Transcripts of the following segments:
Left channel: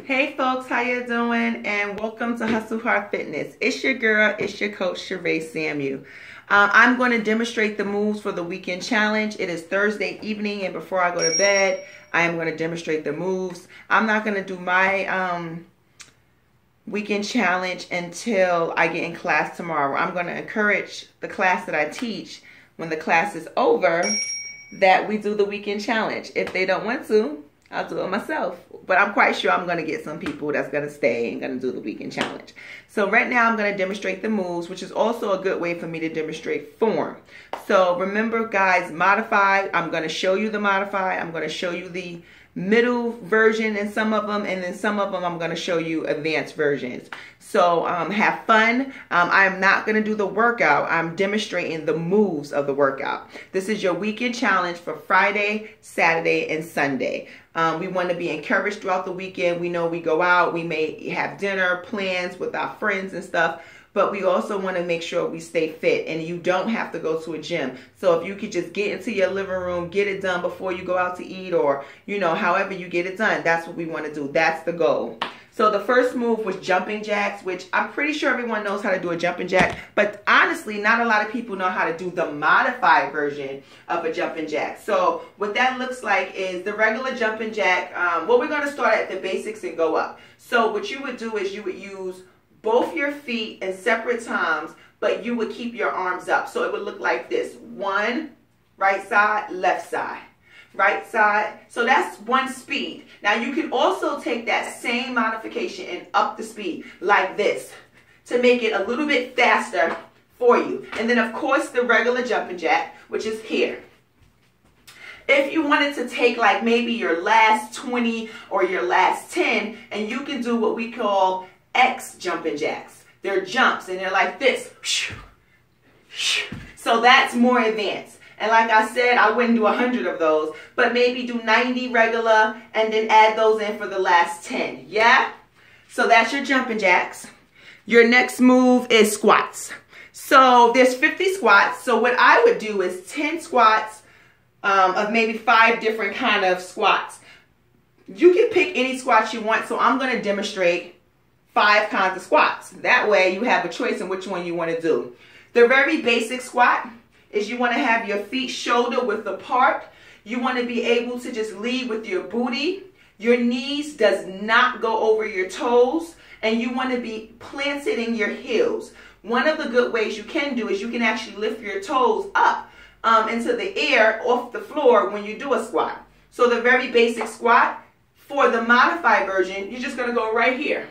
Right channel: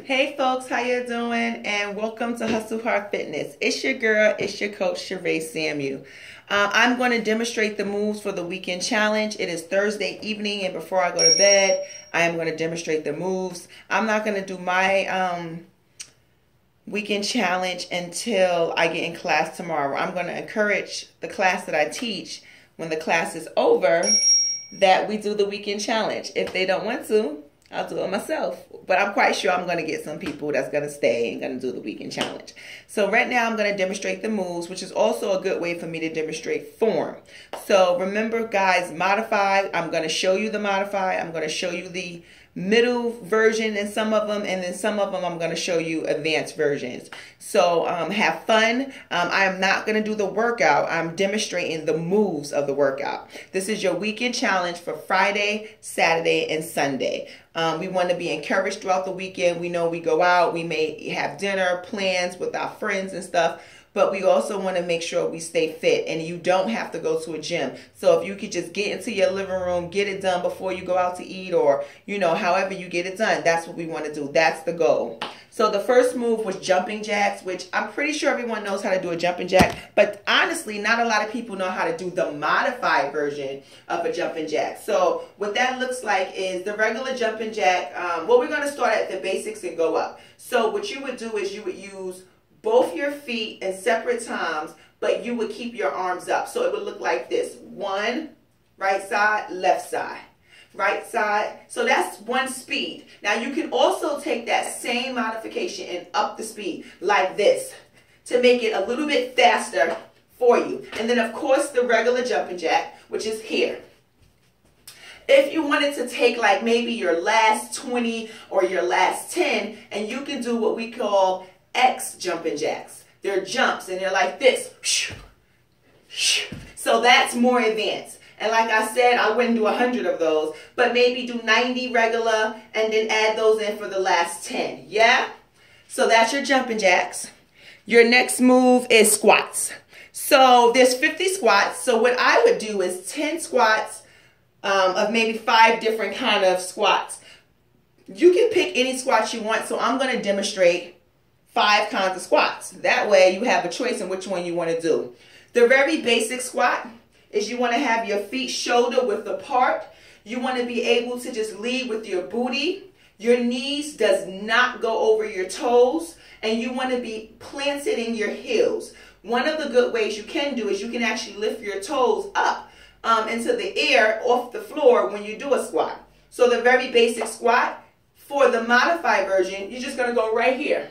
Hey folks, how you doing? And welcome to Hustle Hard Fitness. It's your girl, it's your coach, Sheree Samuel. I'm going to demonstrate the moves for the weekend challenge. It is Thursday evening, and before I go to bed, I am going to demonstrate the moves. I'm not going to do my weekend challenge until I get in class tomorrow. I'm going to encourage the class that I teach when the class is over that we do the weekend challenge. If they don't want to, I'll do it myself. But I'm quite sure I'm going to get some people that's going to stay and going to do the weekend challenge. So right now I'm going to demonstrate the moves, which is also a good way for me to demonstrate form. So remember, guys, modify. I'm going to show you the modify. I'm going to show you the middle version in some of them, and then some of them I'm going to show you advanced versions. So have fun. I am not going to do the workout. I'm demonstrating the moves of the workout. This is your weekend challenge for Friday, Saturday, and Sunday. We want to be encouraged throughout the weekend. We know we go out, we may have dinner plans with our friends and stuff, but we also want to make sure we stay fit, and you don't have to go to a gym. So if you could just get into your living room, get it done before you go out to eat, or, you know, however you get it done, that's what we want to do. That's the goal. So the first move was jumping jacks, which I'm pretty sure everyone knows how to do a jumping jack, but honestly, not a lot of people know how to do the modified version of a jumping jack. So what that looks like is the regular jumping jack. Well, we're going to start at the basics and go up. So what you would do is you would use both your feet in separate times, but you would keep your arms up. So it would look like this. One, right side, left side. Right side. So that's one speed. Now you can also take that same modification and up the speed like this to make it a little bit faster for you. And then of course the regular jumping jack, which is here. If you wanted to take like maybe your last 20 or your last 10, and you can do what we call X jumping jacks. They're jumps and they're like this. So that's more advanced. And like I said, I wouldn't do 100 of those, but maybe do 90 regular and then add those in for the last 10. Yeah? So that's your jumping jacks. Your next move is squats. So there's 50 squats. So what I would do is 10 squats of maybe 5 different kind of squats. You can pick any squats you want. So I'm going to demonstrate 5 kinds of squats. That way you have a choice in which one you want to do. The very basic squat is you want to have your feet shoulder width apart. You want to be able to just lead with your booty. Your knees does not go over your toes, and you want to be planted in your heels. One of the good ways you can do is you can actually lift your toes up into the air off the floor when you do a squat. So the very basic squat, for the modified version, you're just going to go right here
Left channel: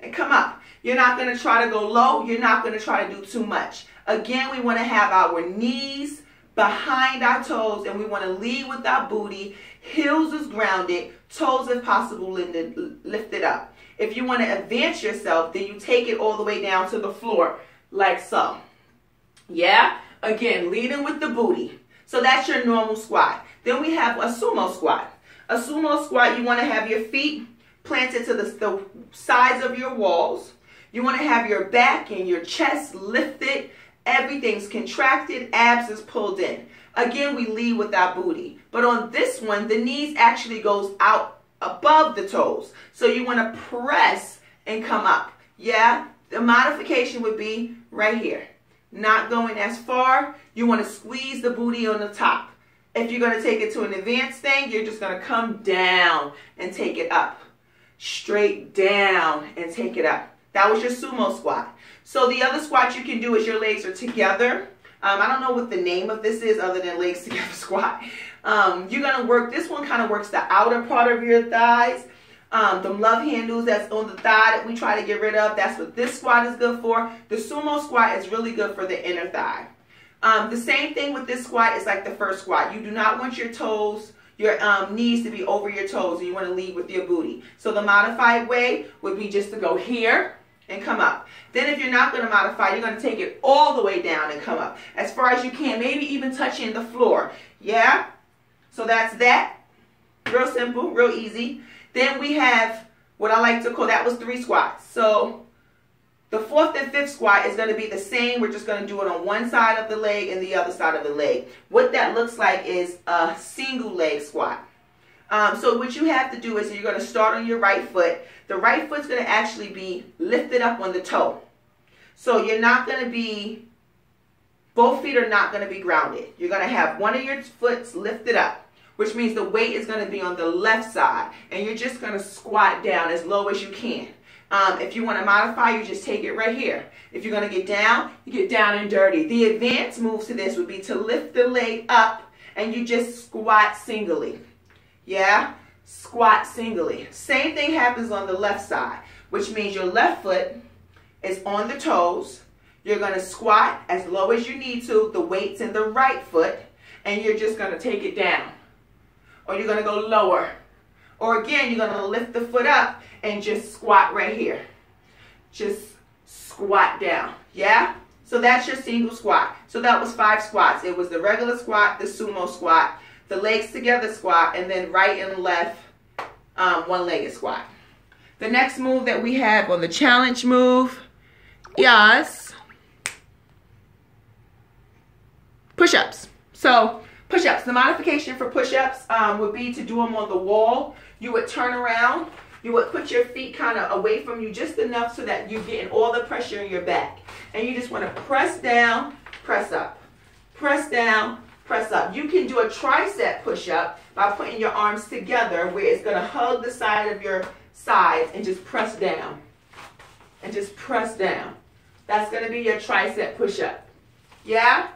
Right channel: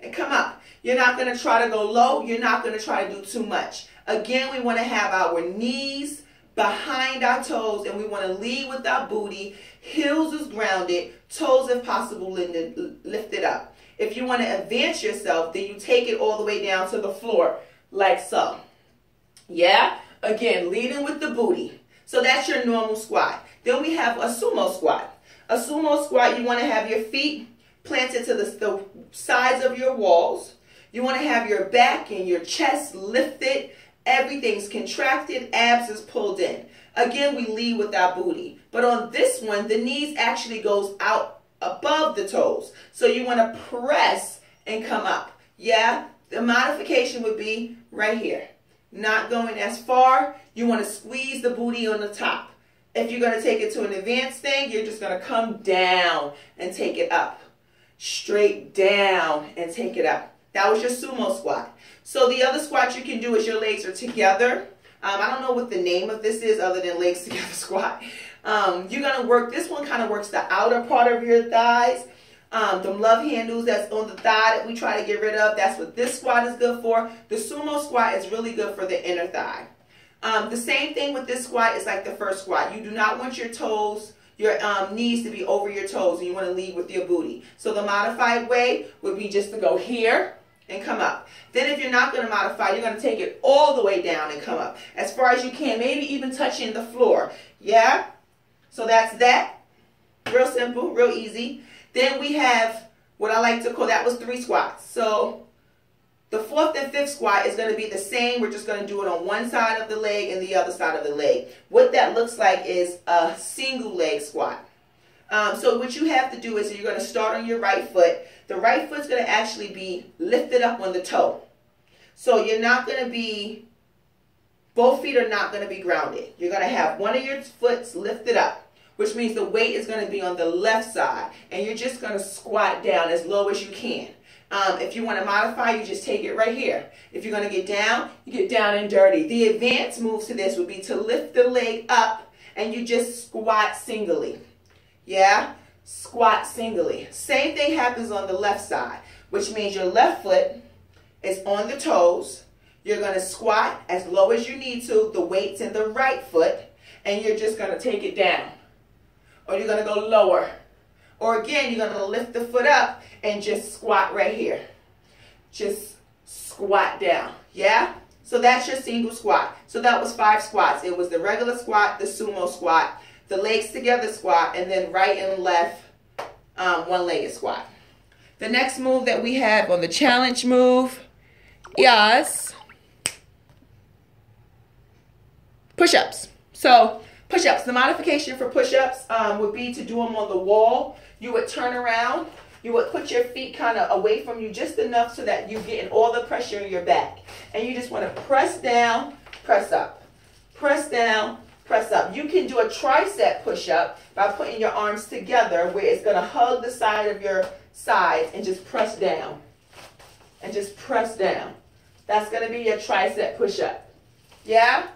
and come up. You're not going to try to go low. You're not going to try to do too much. Again, we want to have our knees behind our toes, and we want to lead with our booty. Heels is grounded, toes if possible lifted up. If you want to advance yourself, then you take it all the way down to the floor like so. Yeah? Again, leading with the booty. So that's your normal squat. Then we have a sumo squat. A sumo squat, you want to have your feet planted to the sides of your walls. You want to have your back and your chest lifted. Everything's contracted, abs is pulled in. Again, we lead with our booty. But on this one, the knees actually goes out above the toes. So you want to press and come up. Yeah? The modification would be right here. Not going as far. You want to squeeze the booty on the top. If you're going to take it to an advanced thing, you're just going to come down and take it up. Straight down and take it up. That was your sumo squat. So the other squat you can do is your legs are together. I don't know what the name of this is other than legs together squat. You're going to work, this one kind of works the outer part of your thighs. The love handles that's on the thigh that we try to get rid of, that's what this squat is good for. The sumo squat is really good for the inner thigh. The same thing with this squat is like the first squat. You do not want your toes, your knees to be over your toes, and you want to lead with your booty. So the modified way would be just to go here and come up. Then if you're not going to modify, you're going to take it all the way down and come up as far as you can, maybe even touching the floor. Yeah? So that's that. Real simple, real easy. Then we have what I like to call, that was 3 squats. So the 4th and 5th squat is going to be the same. We're just going to do it on one side of the leg and the other side of the leg. What that looks like is a single leg squat. So what you have to do is you're going to start on your right foot. The right foot's going to actually be lifted up on the toe. So you're not going to be, both feet are not going to be grounded. You're going to have one of your foots lifted up, which means the weight is going to be on the left side. And you're just going to squat down as low as you can. If you want to modify, you just take it right here. If you're going to get down, you get down and dirty. The advanced move to this would be to lift the leg up and you just squat singly. Yeah? Squat singly. Same thing happens on the left side, which means your left foot is on the toes. You're going to squat as low as you need to. The weight's in the right foot, and you're just going to take it down. Or you're going to go lower. Or again, you're going to lift the foot up and just squat right here. Just squat down. Yeah? So that's your single squat. So that was 5 squats. It was the regular squat, the sumo squat, the legs together squat, and then right and left one-legged squat. The next move that we have on the challenge move is push-ups. So push-ups, the modification for push-ups would be to do them on the wall. You would turn around. You would put your feet kind of away from you just enough so that you're getting all the pressure in your back. And you just want to press down, press up. Press down, press up. You can do a tricep push-up by putting your arms together where it's going to hug the side of your sides and just press down. And just press down. That's going to be your tricep push-up. Yeah?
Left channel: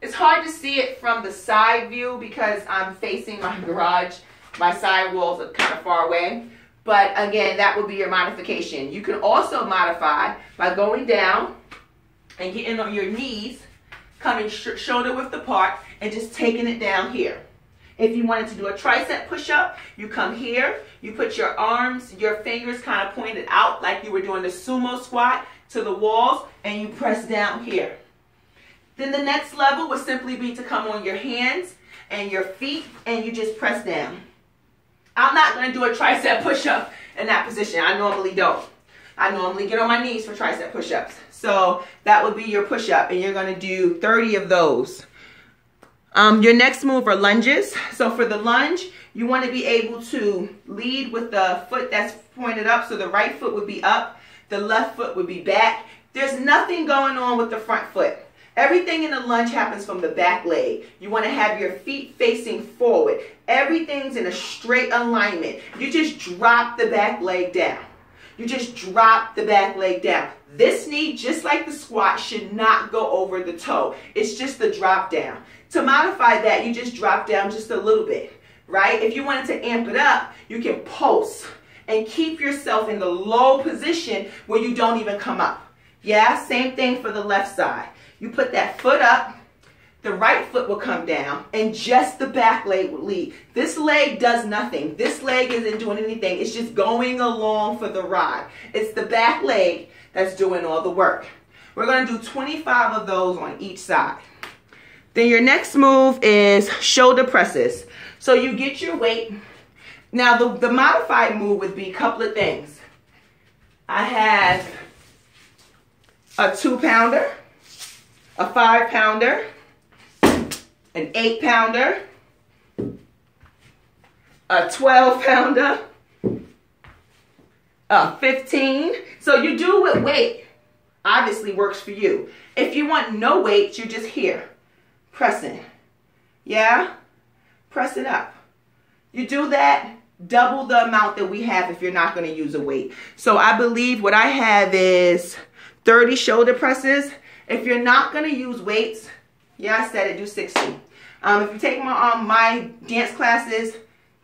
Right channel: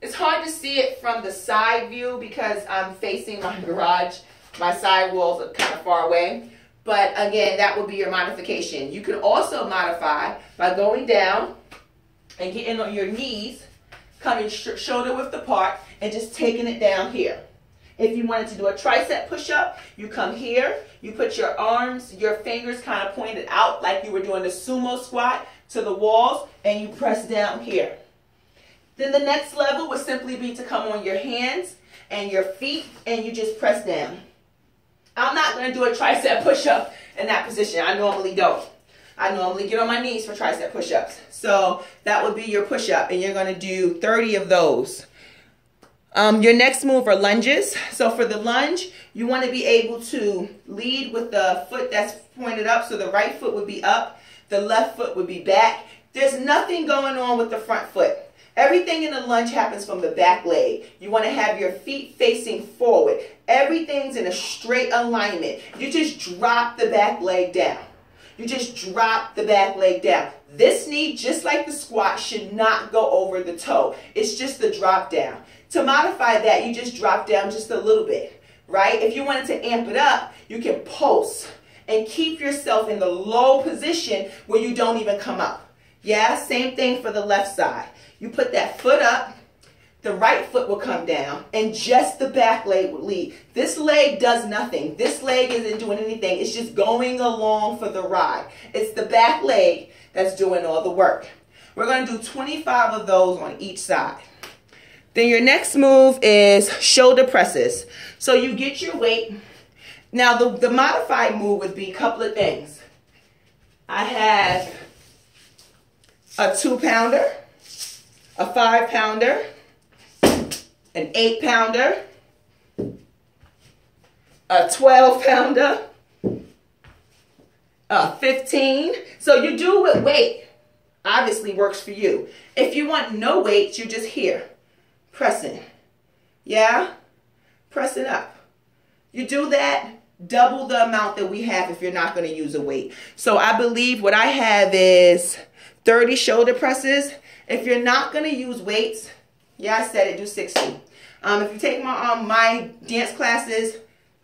It's hard to see it from the side view because I'm facing my garage. My side walls are kind of far away. But again, that would be your modification. You can also modify by going down and getting on your knees, coming shoulder width apart, and just taking it down here. If you wanted to do a tricep push-up, you come here, you put your arms, your fingers kind of pointed out like you were doing the sumo squat to the walls, and you press down here. Then the next level would simply be to come on your hands and your feet, and you just press down. I'm not going to do a tricep push-up in that position. I normally don't. I normally get on my knees for tricep push-ups. So that would be your push-up, and you're going to do 30 of those. Your next move are lunges. So for the lunge, you want to be able to lead with the foot that's pointed up. So the right foot would be up. The left foot would be back. There's nothing going on with the front foot. Everything in the lunge happens from the back leg. You want to have your feet facing forward. Everything's in a straight alignment. You just drop the back leg down. You just drop the back leg down. This knee, just like the squat, should not go over the toe. It's just the drop down. To modify that, you just drop down just a little bit, right? If you wanted to amp it up, you can pulse and keep yourself in the low position where you don't even come up. Yeah, same thing for the left side. You put that foot up, the right foot will come down, and just the back leg will lead. This leg does nothing. This leg isn't doing anything. It's just going along for the ride. It's the back leg that's doing all the work. We're going to do 25 of those on each side. Then your next move is shoulder presses. So you get your weight. Now the modified move would be a couple of things. I have a 2-pounder, a 5-pounder, an 8-pounder, a 12-pounder, a 15. So you do with weight. Obviously works for you. If you want no weights, you're just here. Pressing. Yeah? Pressing up. You do that, double the amount that we have if you're not going to use a weight. So I believe what I have is 30 shoulder presses. If you're not going to use weights, yeah, I said it, do 60. If you take my dance classes,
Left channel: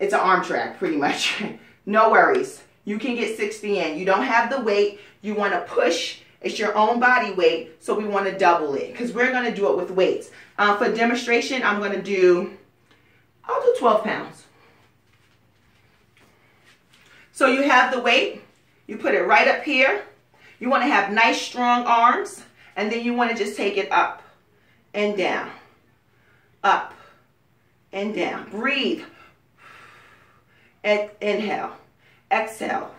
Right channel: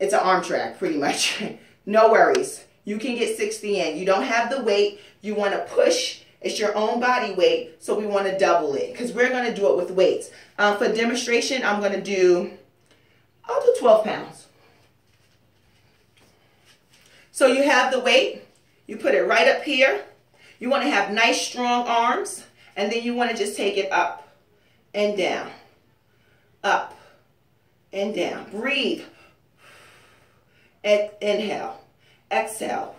it's an arm track pretty much. No worries. You can get 60 in. You don't have the weight. You want to push. It's your own body weight, so we want to double it because we're going to do it with weights. For demonstration, I'll do 12 pounds. So you have the weight. You put it right up here. You want to have nice, strong arms, and then you want to just take it up and down, up and down. Breathe. Inhale. Exhale.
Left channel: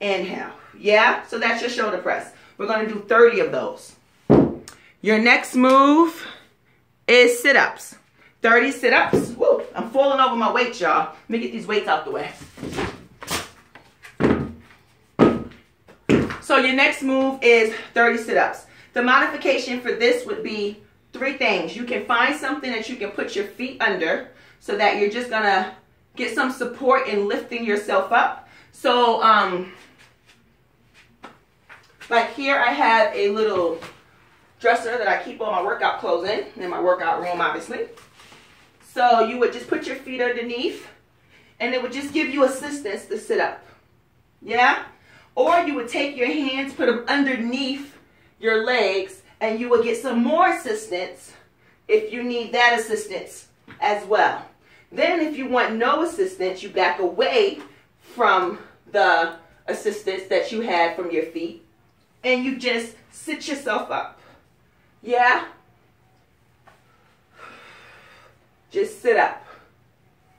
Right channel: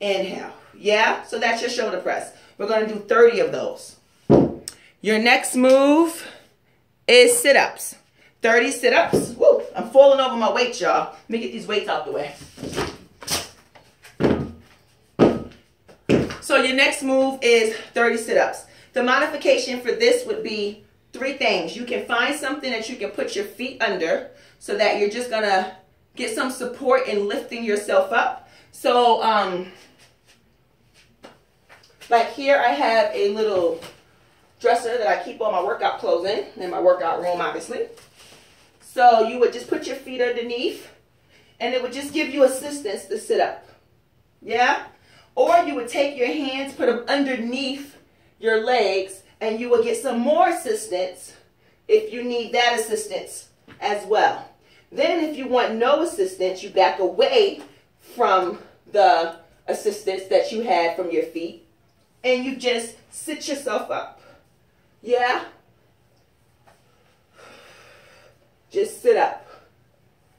Inhale. Yeah? So that's your shoulder press. We're going to do 30 of those. Your next move is sit-ups. 30 sit-ups. Woo. I'm falling over my weights, y'all. Let me get these weights out the way. So your next move is 30 sit-ups. The modification for this would be 3 things. You can find something that you can put your feet under so that you're just gonna get some support in lifting yourself up. So, like here I have a little dresser that I keep all my workout clothes in my workout room, obviously. So you would just put your feet underneath and it would just give you assistance to sit up. Yeah? Or you would take your hands, put them underneath your legs, and you will get some more assistance if you need that assistance as well. Then if you want no assistance, you back away from the assistance that you had from your feet, and you just sit yourself up. Yeah? Just sit up.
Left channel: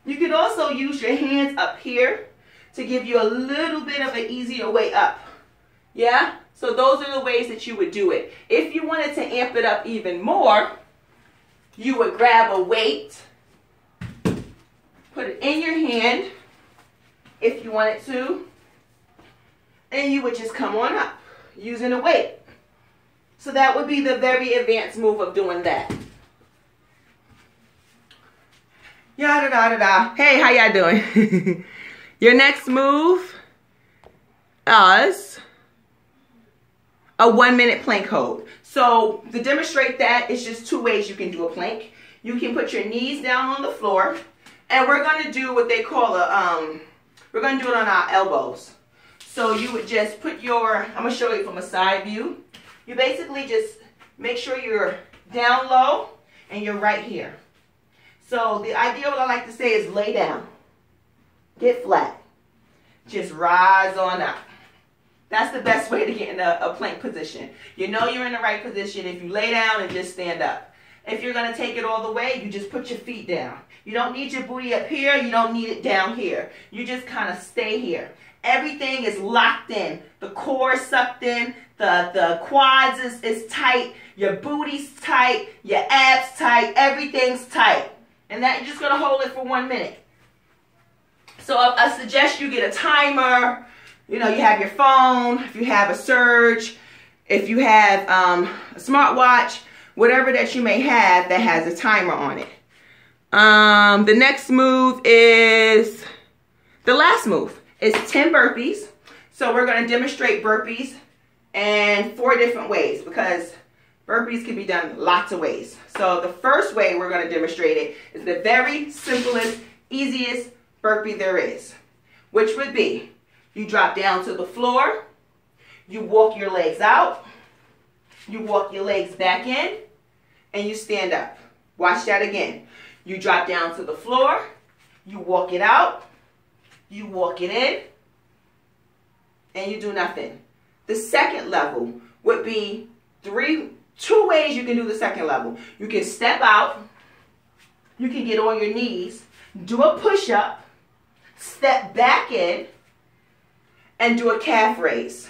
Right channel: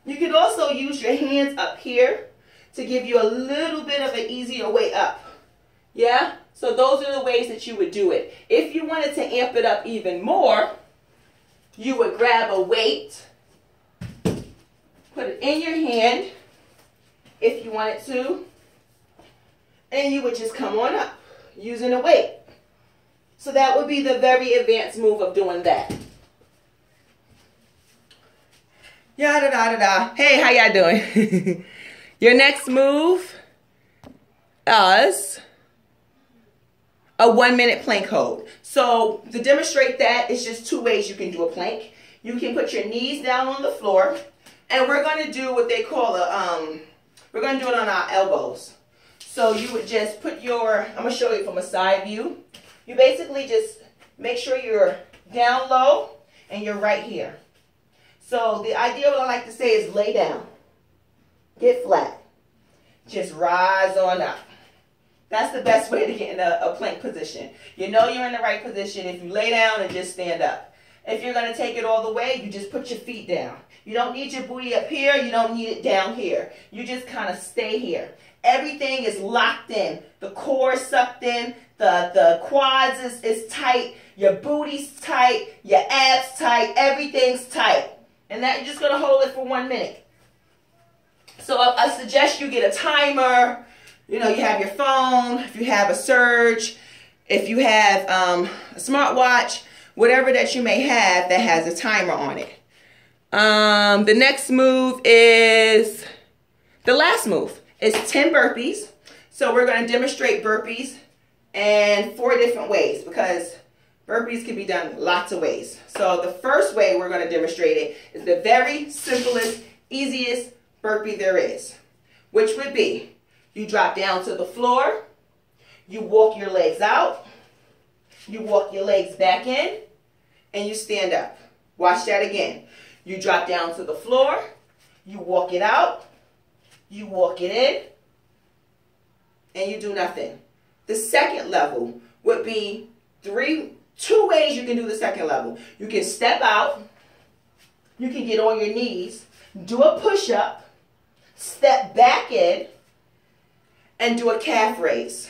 You can also use your hands up here to give you a little bit of an easier way up. Yeah? So those are the ways that you would do it. If you wanted to amp it up even more, you would grab a weight, put it in your hand if you wanted to, and you would just come on up using a weight. So that would be the very advanced move of doing that. Yada da da da. Hey, how y'all doing? Your next move is a 1-minute plank hold. So to demonstrate that, it's just 2 ways you can do a plank. You can put your knees down on the floor, and we're going to do what they call a, we're going to do it on our elbows. So you would just put your, I'm going to show you from a side view. You basically just make sure you're down low and you're right here. So the idea, what I like to say, is lay down. Get flat. Just rise on up. That's the best way to get in a plank position. You know you're in the right position if you lay down and just stand up. If you're going to take it all the way, you just put your feet down. You don't need your booty up here. You don't need it down here. You just kind of stay here. Everything is locked in. The core is sucked in. The quads is tight. Your booty's tight. Your abs tight. Everything's tight. And that you're just going to hold it for 1 minute. So I suggest you get a timer. You know, you have your phone. If you have a Surge. If you have a smartwatch. Whatever that you may have that has a timer on it. The next move is, the last move is 10 burpees. So we're going to demonstrate burpees in 4 different ways because burpees can be done lots of ways. So the first way we're going to demonstrate it is the very simplest, easiest burpee there is, which would be you drop down to the floor, you walk your legs out, you walk your legs back in, and you stand up. Watch that again. You drop down to the floor, you walk it out, you walk it in, and you do nothing. The second level would be 2 ways you can do the second level. You can step out, you can get on your knees, do a push-up, step back in, and do a calf raise.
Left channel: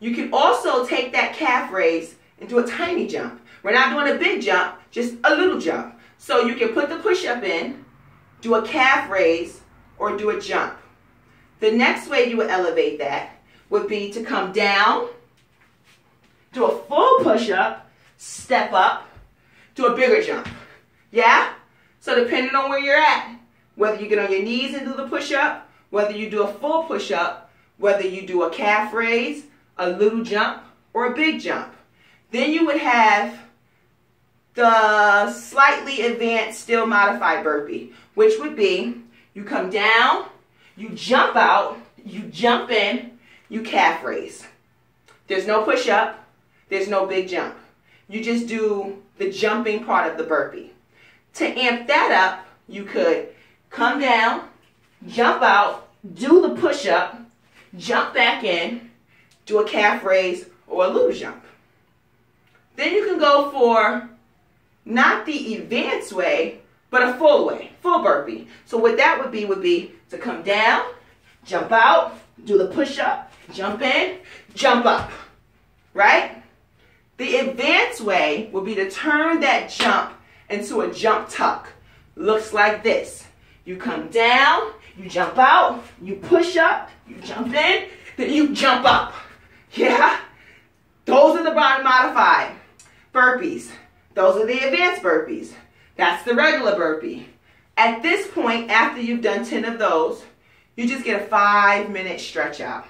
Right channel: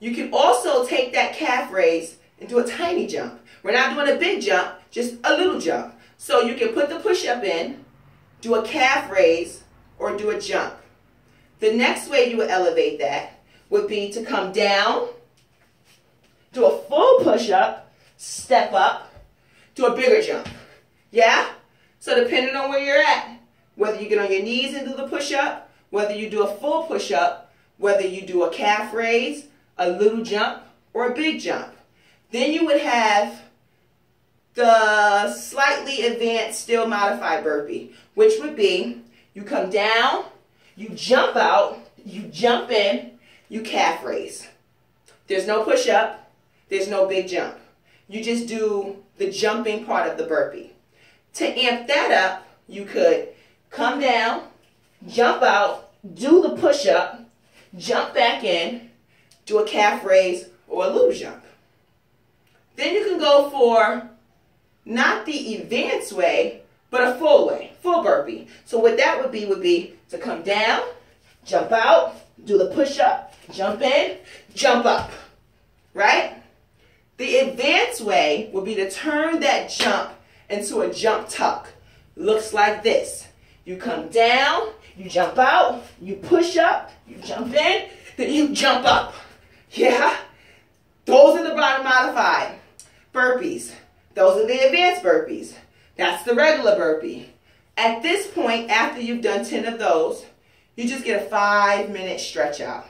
You can also take that calf raise and do a tiny jump. We're not doing a big jump, just a little jump. So you can put the push-up in, do a calf raise, or do a jump. The next way you would elevate that would be to come down, do a full push-up, step up, do a bigger jump. Yeah? So depending on where you're at, whether you get on your knees and do the push-up, whether you do a full push-up, whether you do a calf raise, a little jump, or a big jump. Then you would have the slightly advanced, still modified burpee, which would be you come down, you jump out, you jump in, you calf raise. There's no push-up, there's no big jump. You just do the jumping part of the burpee. To amp that up, you could come down, jump out, do the push-up, jump back in, do a calf raise or a little jump. Then you can go for not the advanced way, but a full way, full burpee. So what that would be to come down, jump out, do the push-up, jump in, jump up, right? The advanced way would be to turn that jump into a jump tuck. looks like this. You come down, you jump out, you push up, you jump in, then you jump up. Yeah? Those are the body modified burpees. Those are the advanced burpees. That's the regular burpee. At this point, after you've done 10 of those, you just get a 5-minute stretch out.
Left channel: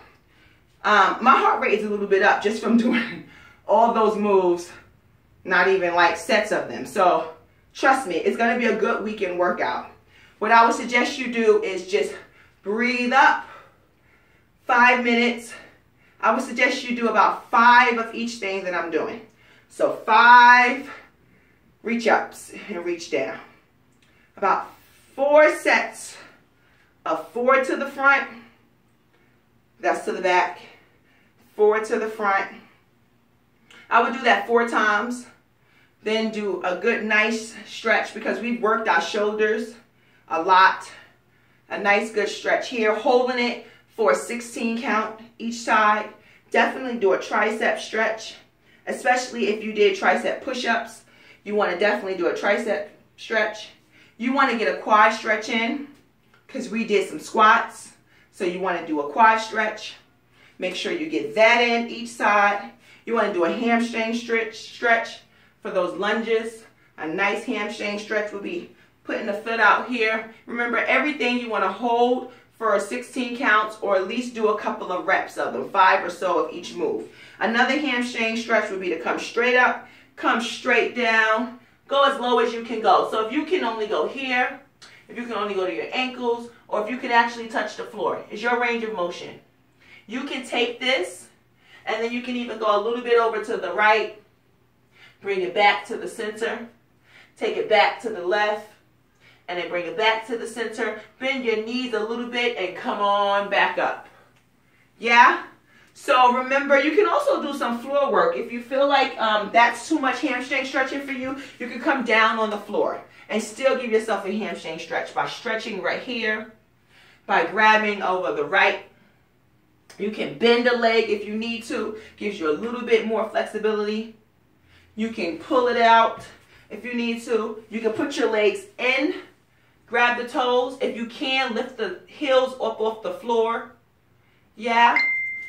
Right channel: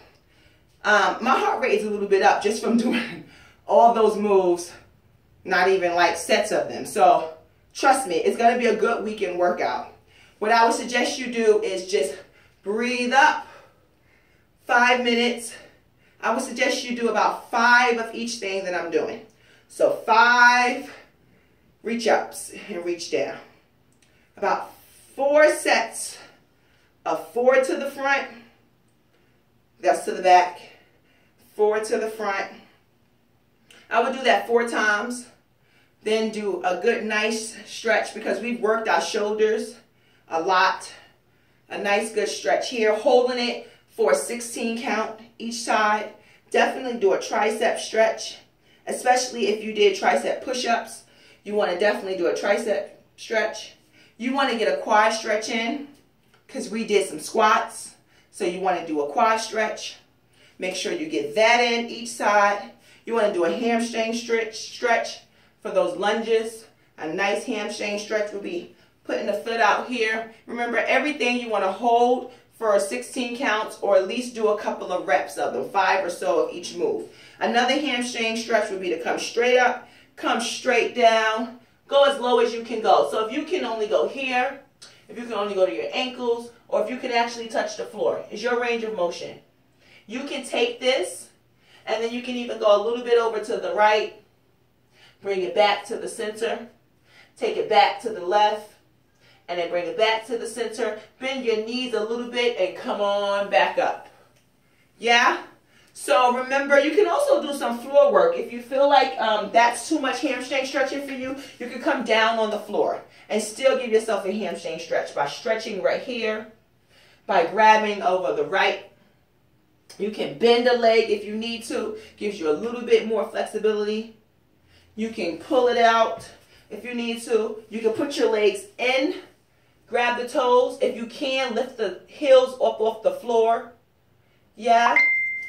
My heart rate is a little bit up just from doing all those moves, not even like sets of them. So trust me, it's going to be a good weekend workout. What I would suggest you do is just breathe up, 5 minutes. I would suggest you do about 5 of each thing that I'm doing. So 5 reach ups and reach down. About 4 sets of 4 to the front. That's to the back. 4 to the front. I would do that 4 times. Then do a good nice stretch because we've worked our shoulders a lot. A nice good stretch here, holding it for a 16 count each side. Definitely do a tricep stretch, especially if you did tricep push-ups. You want to definitely do a tricep stretch. You want to get a quad stretch in because we did some squats. So you want to do a quad stretch. Make sure you get that in each side. You want to do a hamstring stretch for those lunges. A nice hamstring stretch will be putting the foot out here. Remember, everything you want to hold for 16 counts or at least do a couple of reps of them, 5 or so of each move. Another hamstring stretch would be to come straight up, come straight down, go as low as you can go. So if you can only go here, if you can only go to your ankles, or if you can actually touch the floor, it's your range of motion. You can take this and then you can even go a little bit over to the right, bring it back to the center, take it back to the left, and then bring it back to the center. Bend your knees a little bit and come on back up. Yeah? So remember, you can also do some floor work. If you feel like that's too much hamstring stretching for you, you can come down on the floor and still give yourself a hamstring stretch by stretching right here, by grabbing over the right. You can bend a leg if you need to. Gives you a little bit more flexibility. You can pull it out if you need to. You can put your legs in. Grab the toes. If you can, lift the heels up off the floor. Yeah.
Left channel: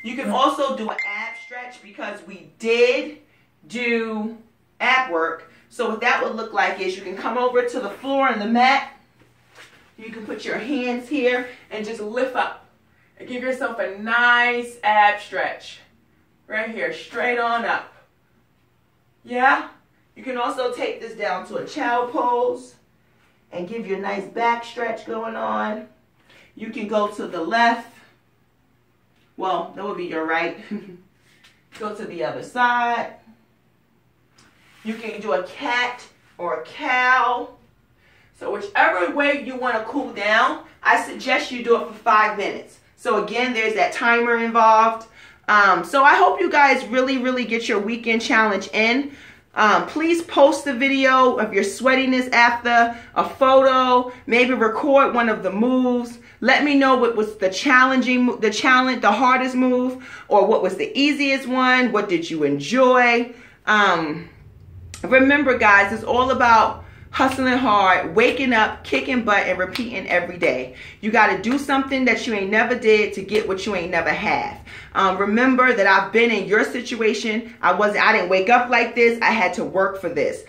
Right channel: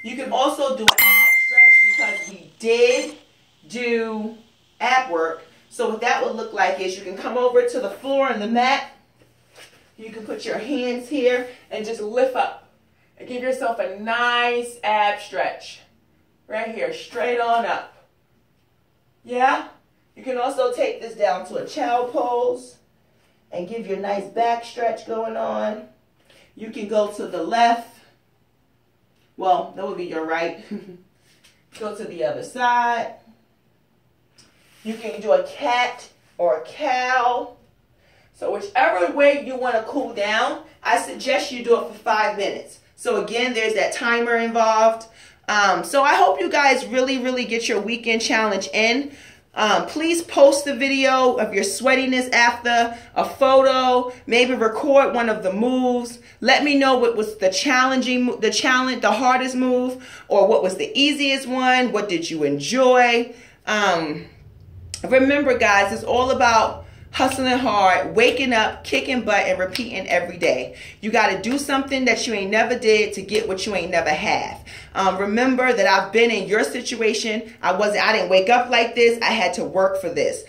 You can also do an ab stretch because we did do ab work. So what that would look like is you can come over to the floor and the mat. You can put your hands here and just lift up. And give yourself a nice ab stretch. Right here, straight on up. Yeah? You can also take this down to a child pose and give you a nice back stretch going on. You can go to the left. Well, that would be your right. Go to the other side. You can do a cat or a cow. So whichever way you want to cool down, I suggest you do it for 5 minutes. So again, there's that timer involved. So I hope you guys really get your weekend challenge in. Please post the video of your sweatiness after, a photo, maybe record one of the moves. Let me know what was the hardest move, or what was the easiest one. What did you enjoy? Remember, guys, it's all about hustling hard, waking up, kicking butt, and repeating every day. You got to do something that you ain't never did to get what you ain't never have. Remember that I've been in your situation. I didn't wake up like this. I had to work for this.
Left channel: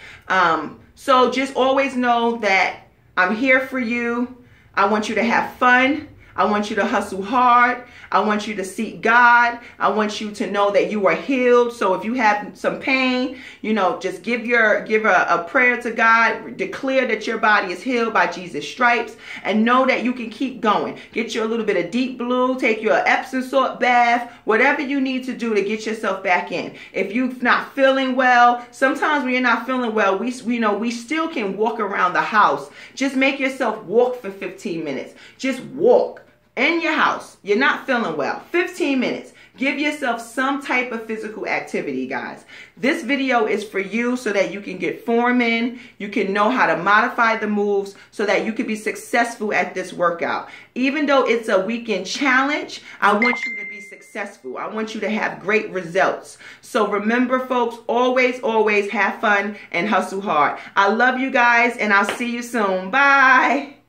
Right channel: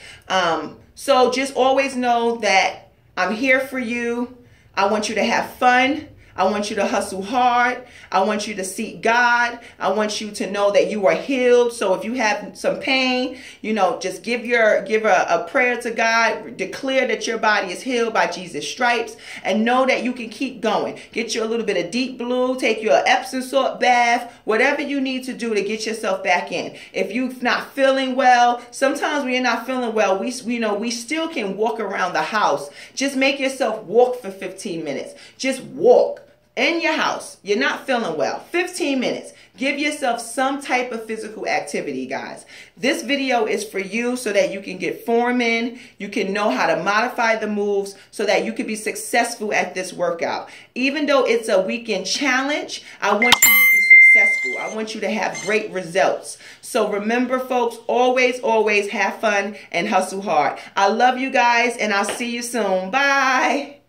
So just always know that I'm here for you. I want you to have fun. I want you to hustle hard. I want you to seek God. I want you to know that you are healed. So if you have some pain, you know, just give a prayer to God. Declare that your body is healed by Jesus' stripes, and know that you can keep going. Get you a little bit of Deep Blue. Take your Epsom salt bath. Whatever you need to do to get yourself back in. If you're not feeling well, sometimes when you're not feeling well, we still can walk around the house. Just make yourself walk for 15 minutes. Just walk. In your house, you're not feeling well, 15 minutes. Give yourself some type of physical activity, guys. This video is for you so that you can get form in, you can know how to modify the moves so that you can be successful at this workout. Even though it's a weekend challenge, I want you to be successful. successful. I want you to have great results. So remember, folks, always, always have fun and hustle hard. I love you guys, and I'll see you soon. Bye.